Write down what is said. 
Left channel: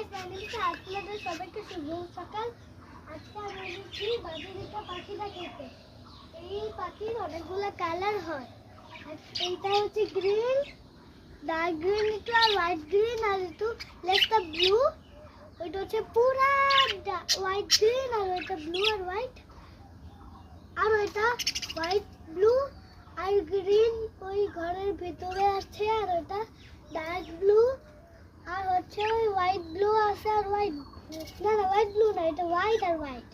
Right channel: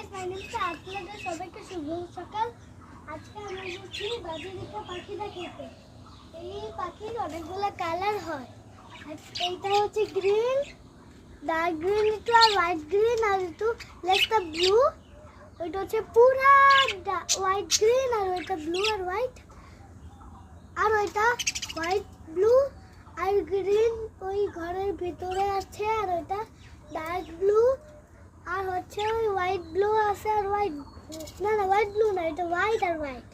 Guys, my name is আপনাদের সবাইকে শুভ সকাল। আজকে আমরা যাচ্ছি বাজিরিকা পাখি দেখতে। এই পাখির অনেকগুলো কালার হয়। এইটা হচ্ছে গ্রিন, ডার্ক গ্রিন, একটু আর হোয়াইট গ্রিন, আর একটু লেসটা ব্লু। ওইটা হচ্ছে পুরা হোয়াইট গ্রিন, আর ওইটা ব্লু আর হোয়াইট। আর ওইটা হোয়াইট ব্লু আর গ্রিন ওই ঘরের ভিতরে আছে, আর ওইটা ডার্ক ব্লু আর হচ্ছে ওই হোয়াইট ব্লু আছে, আর হোয়াইট না হোয়াইট ব্লু না, এটা হোয়াইট আর হোয়াইট।